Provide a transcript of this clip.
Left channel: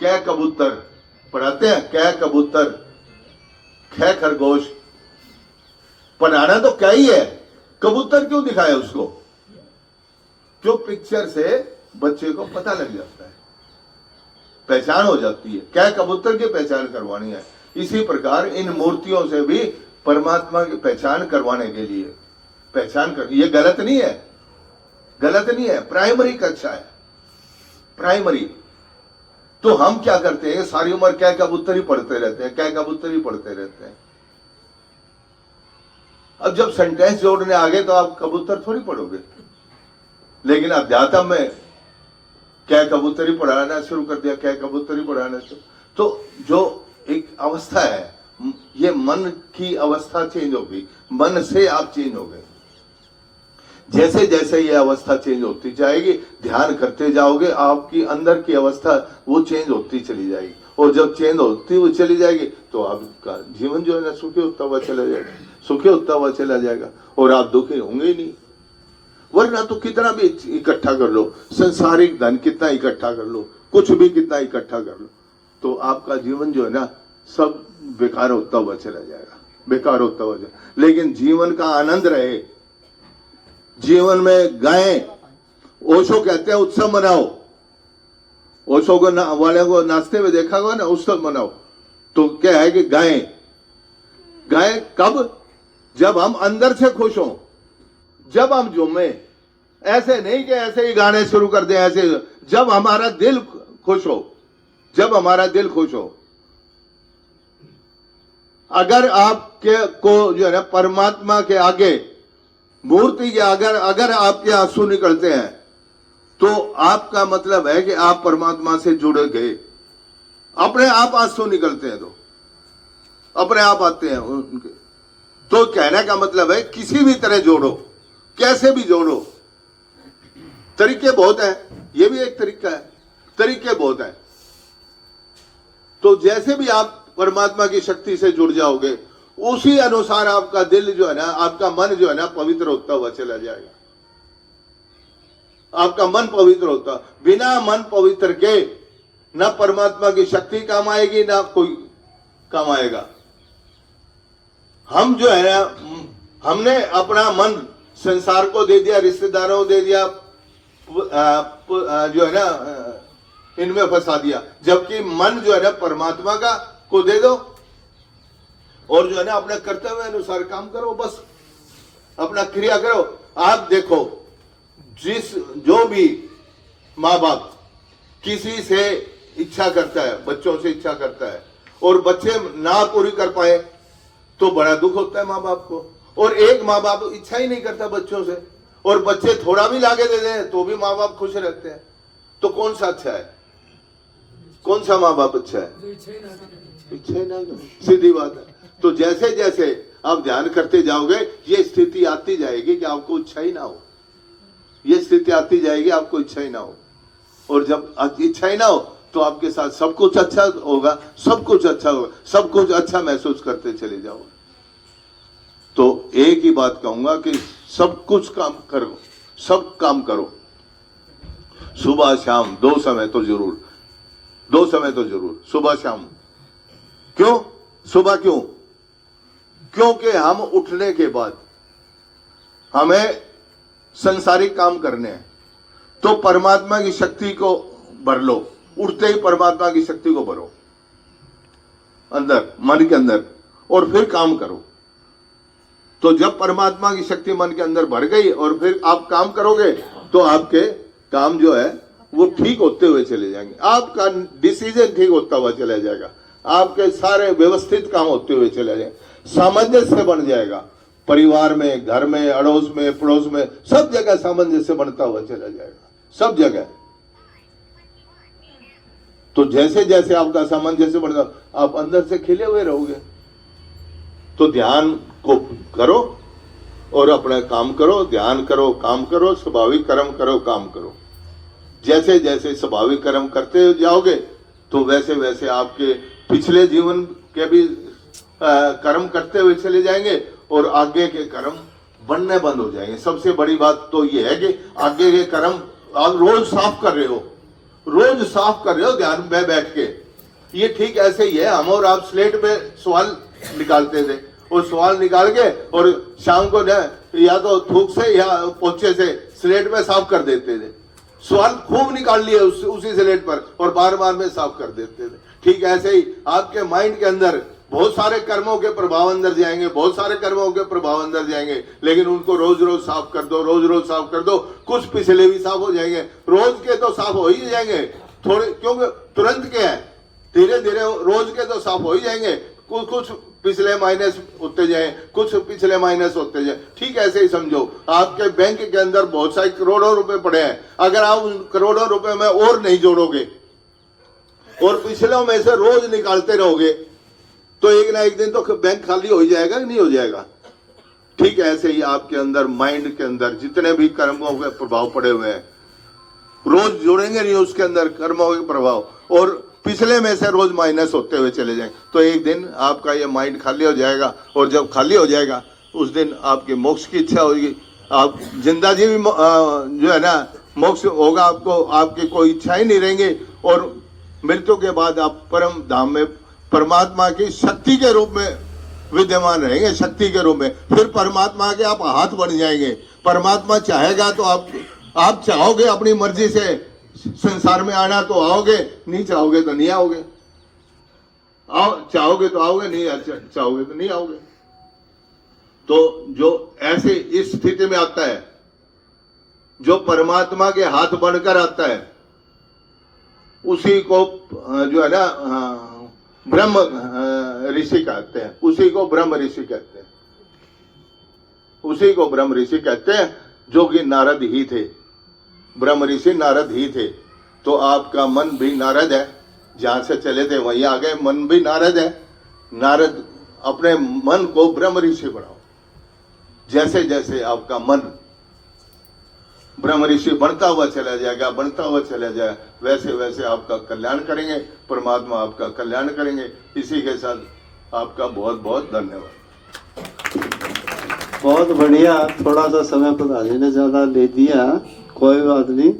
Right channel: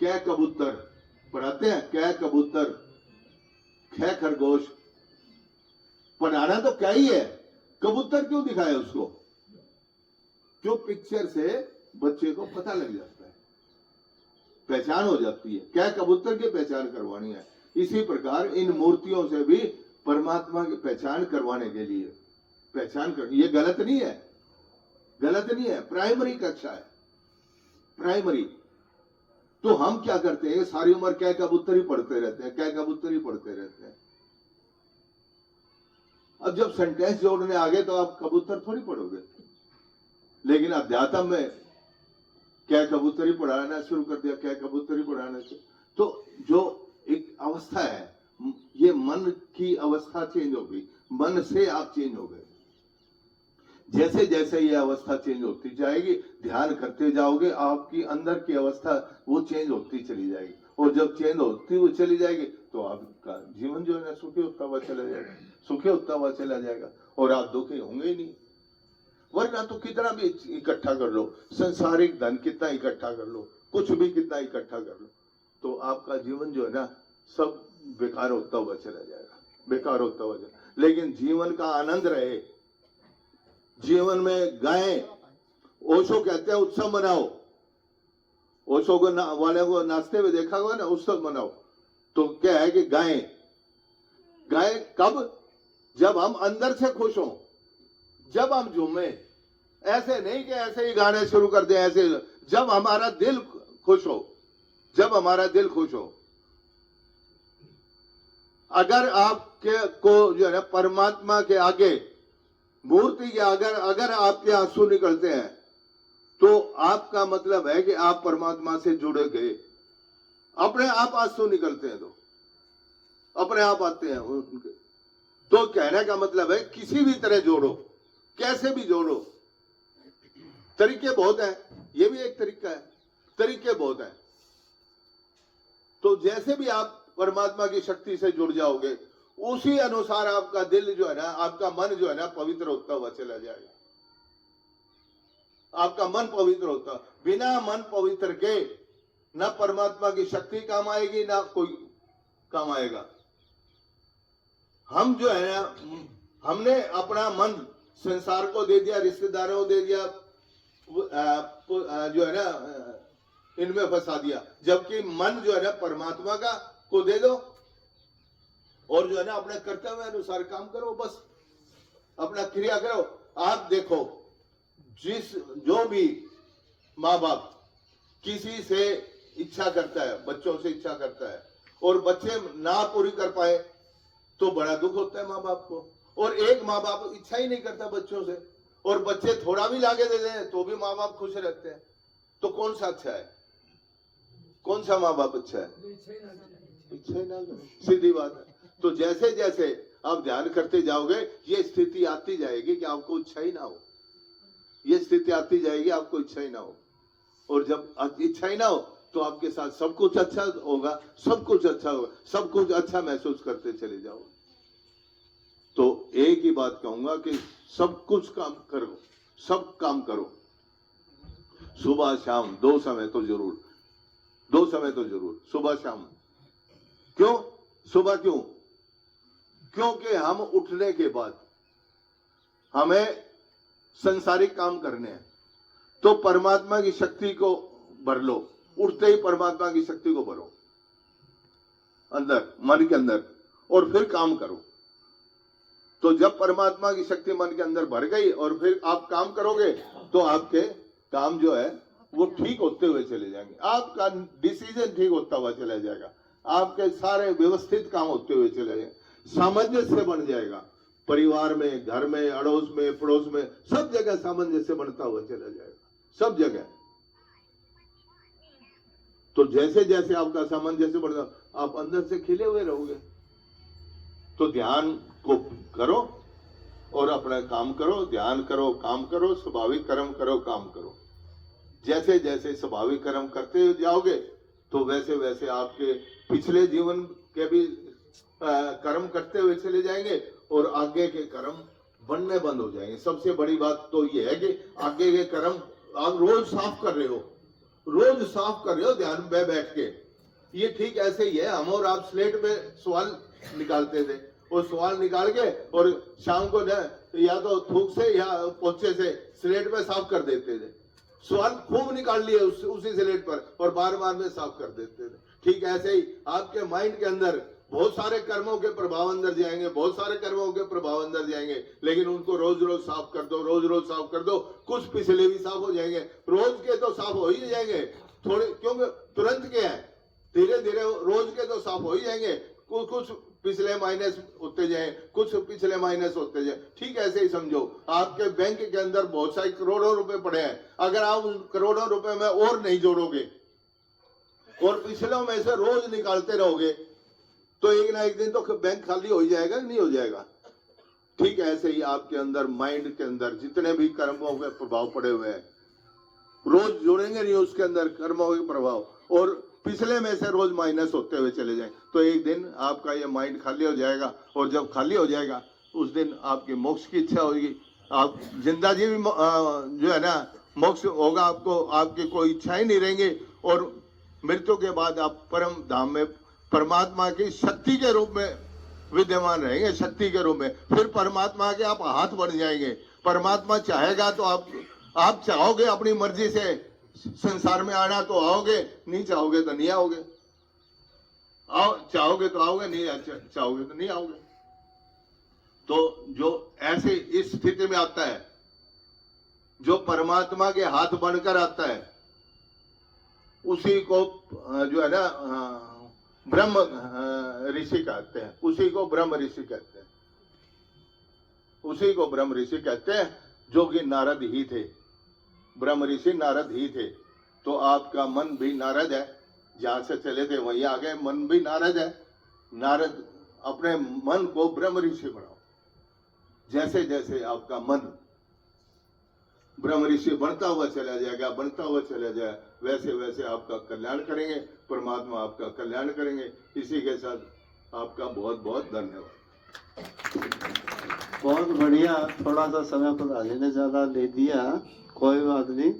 कै कबूतर पढ़ाते हैं, कै कबूतर, कै खरगोश। पढ़ाना तो क्या ही है, कबूतर क्यों दिखाया उसको? जो पिक्चर से बच्चे को पता लग जाता है, पहचान हो जाती है। क्या कबूतर की पहचान करवानी है, इसी प्रकार इन मूर्तियों से भी परमात्मा की पहचान करवाने के लिए पहचान कर, ये गलत नहीं है, गलत नहीं है, प्राइमरी कक्षा है, प्राइमरी। तो हम क्या करते हैं, सारी उम्र क्या कबूतर ही पढ़ते रहते हैं, क्या कबूतर ही पढ़ते रहते हैं। अब जब सेंटेंस जोड़ने आ गए तो आप कबूतर थोड़ी पढ़ोगे, लेकिन अध्यात्म में क्या कबूतर ही पढ़ाना शुरू कर दिया, क्या कबूतर ही पढ़ाना शुरू। तो जो एक अवस्था है, ये मन की अवस्था चेंज हो गई, मन से आप चेंज हो गए। जैसे जैसे ये अवस्था चेंज होती जाएगी, ध्यान करते जाओगे, आपकी अंदर की अवस्था वो चेंज होती चली जाएगी, और जब चेंज होती हुई चली जाएगी तो आपका जीवन जो है ना सुखी होता हुआ चला जाएगा, सुखी होता हुआ चला जाएगा, और आप दुखी होंगे ही नहीं। वरना तो कितना भी इकट्ठा कर लो, संसारिक धन कितना इकट्ठा कर लो, कुछ भी कितना इकट्ठा कर लो, तो आपका जीवन जो है ना सब बेकार होता हुआ चला जाएगा, बेकार होता हुआ जाएगा। लेकिन जीवन का आनंद रहे, जीवन में गाएं। ओशो कहते हैं उत्सव मनाओ, ओशो को वाले को नाचते हुए देखा होगा ना, उत्सव मनाओ। तो क्या है कि गाएं, गाएं कब? जब हम अंदर से खुश हों, जब हम झूमे। ऐसे नहीं कि ऐसे ही गाने शुरू कर दें, ऐसे जब हमारा दिल खुश हो, जब हमारा दिल खुश हो। अगर आपके को जो है ना परमात्मा के आगे, मूर्ति के अगर आपके आंसू निकलते हैं, तो आपका मतलब है कि आप परमात्मा से जुड़े गए। अपने आप आंसू निकलते हैं तो अपने आप आते हैं उनके। तो कहने का मतलब है किसी भी तरह जोड़ो, कैसे भी जोड़ो। तरीके बहुत हैं, ये भी एक तरीका है, तरीके बहुत हैं। तो जैसे भी आप परमात्मा की शक्ति से जुड़ जाओगे, उसी अनुसार आपका दिल जो है ना, आपका मन जो है ना पवित्र होता हुआ चला जाएगा। आपका मन पवित्र होता, बिना मन पवित्र के ना परमात्मा की शक्ति काम आएगी, ना कोई काम आएगा। हम जो है ना, हमने अपना मन संसार को दे दिया, रिश्तेदारों को दे दिया, जो है ना इनमें फंसा दिया। जबकि मन जो है ना परमात्मा का को दे दो, और जो है ना अपने कर्तव्य अनुसार काम करो, बस अपना क्रिया करो। आप देखो, जो भी माँ बाप किसी से इच्छा करता है, बच्चों से इच्छा करता है, और बच्चे ना पूरी कर पाए तो बड़ा दुख होता है माँ बाप को। और एक माँ बाप इच्छा ही नहीं करता बच्चों से, और बच्चे थोड़ा भी लाके दे दें तो भी माँ बाप खुश रहते हैं। तो कौन सा अच्छा है, कौन सा माँ बाप अच्छा है? इच्छा ही ना, सीधी बात है। तो जैसे जैसे आप ध्यान करते जाओगे, ये स्थिति आती जाएगी कि आपको इच्छा ही ना हो, ये स्थिति आती जाएगी आपको इच्छा ही ना हो। और जब इच्छा ही ना हो तो आपके साथ सब कुछ अच्छा होगा, सब कुछ अच्छा होगा, सब कुछ अच्छा महसूस करते चले जाओ। तो एक ही बात कहूंगा कि सब कुछ काम करो, सब काम करो, सुबह शाम, 2 समय तो जरूर, 2 समय तो जरूर, सुबह शाम। क्यों सुबह? क्योंकि हम उठने के बाद हमें संसारिक काम करने हैं, तो परमात्मा की शक्ति को भर लो। उठते ही परमात्मा की शक्ति को भरो अंदर, मन के अंदर, और फिर काम करो। तो जब परमात्मा की शक्ति मन के अंदर भर गई और फिर आप काम करोगे, तो आपके काम जो है वो ठीक होते हुए चले जाएंगे, आपका डिसीजन ठीक होता हुआ चला जाएगा, आपके सारे व्यवस्थित काम होते हुए चले जाएंगे, सामंजस्य बन जाएगा। परिवार में, घर में, अड़ोस में, पड़ोस में, सब जगह सामंजस्य बनता हुआ चला जाएगा, सब जगह। तो जैसे जैसे आपका सामंजस्य बढ़ता, आप अंदर से खिले हुए रहोगे। तो ध्यान को करो और अपना काम करो, ध्यान करो, काम करो, स्वाभाविक कर्म करो, काम करो। जैसे जैसे स्वाभाविक कर्म करते जाओगे, तो वैसे वैसे आपके पिछले जीवन के भी कर्म करते हुए चले जाएंगे, और आगे के कर्म बनने बंद हो जाएंगे। सबसे बड़ी बात तो ये है कि आगे के कर्म आप रोज साफ कर रहे हो, रोज साफ कर रहे हो ध्यान में बैठ के। ये ठीक ऐसे ही है, हम और आप स्लेट पे सवाल निकालते थे, और सवाल निकाल के और शाम को ना या तो थूक से या पोछे से स्लेट पे साफ कर देते थे। सवाल खूब निकाल लिए उसी स्लेट पर और बार बार में साफ कर देते थे। ठीक ऐसे ही आपके माइंड के अंदर बहुत सारे कर्मों के प्रभाव अंदर जाएंगे, बहुत सारे कर्मों के प्रभाव अंदर जाएंगे, लेकिन उनको रोज रोज साफ कर दो, रोज रोज साफ कर दो। कुछ पिछले भी साफ हो जाएंगे, रोज के तो साफ हो ही जाएंगे थोड़े, क्योंकि तुरंत के हैं, धीरे धीरे रोज के तो साफ हो ही जाएंगे। कुछ पिछले माइनस होते जाए, कुछ पिछले माइनस होते जाए। ठीक ऐसे ही समझो, आपके बैंक के अंदर बहुत सारे करोड़ों रुपए पड़े हैं, अगर आप उन करोड़ों रुपए में और नहीं जोड़ोगे और पिछलों में से रोज निकालते रहोगे तो एक ना एक दिन तो बैंक खाली हो ही जाएगा कि नहीं हो जाएगा। ठीक ऐसे ही आपके अंदर माइंड के अंदर जितने भी कर्मों के प्रभाव पड़े हुए हैं, रोज जोड़ेंगे नहीं उसके अंदर कर्मों के प्रभाव, और पिछले में से रोज माइनस होते हुए चले जाएंगे, तो एक दिन आपका ये माइंड खाली हो जाएगा। और जब खाली हो जाएगा उस दिन आपकी मोक्ष की इच्छा होगी। आप जिंदा जी भी जो है ना मोक्ष होगा आपको, आपकी कोई इच्छा ही नहीं रहेंगी, और मृत्यु के बाद आप परम धाम में परमात्मा की शक्ति के रूप में विद्यमान रहेंगे, शक्ति के रूप में। फिर परमात्मा के आप हाथ बन जाएंगे। परमात्मा चाहेगा तो आप चाहोगे अपनी मर्जी से संसार में आना तो आओगे, नहीं चाहोगे तो नहीं आओगे। चाहोगे तो आओगे, नहीं चाहोगे तो नहीं आओगे। तो जो ऐसे इस स्थिति में आता है, जो परमात्मा के हाथ बनकर आता है, उसी को जो है ना ब्रह्म ऋषि कहते हैं, उसी को ब्रह्म ऋषि कहते हैं, उसी को ब्रह्म ऋषि कहते हैं, जो कि नारद ही थे। ब्रह्म ऋषि नारद ही थे। तो आपका मन भी नारद है, जहां से चले थे वहीं आ गए, मन भी नारद है। नारद अपने मन को ब्रह्म ऋषि बनाओ। जैसे जैसे आपका मन ब्रह्म ऋषि बनता हुआ चला जाएगा, बनता हुआ चला जाए, वैसे वैसे आपका कल्याण करेंगे, परमात्मा आपका कल्याण करेंगे। इसी के साथ आपका बहुत बहुत धन्यवाद। बहुत बढ़िया। थोड़ा सा समय प्रधान जी ने ज्यादा ले दिया, कोई बात नहीं।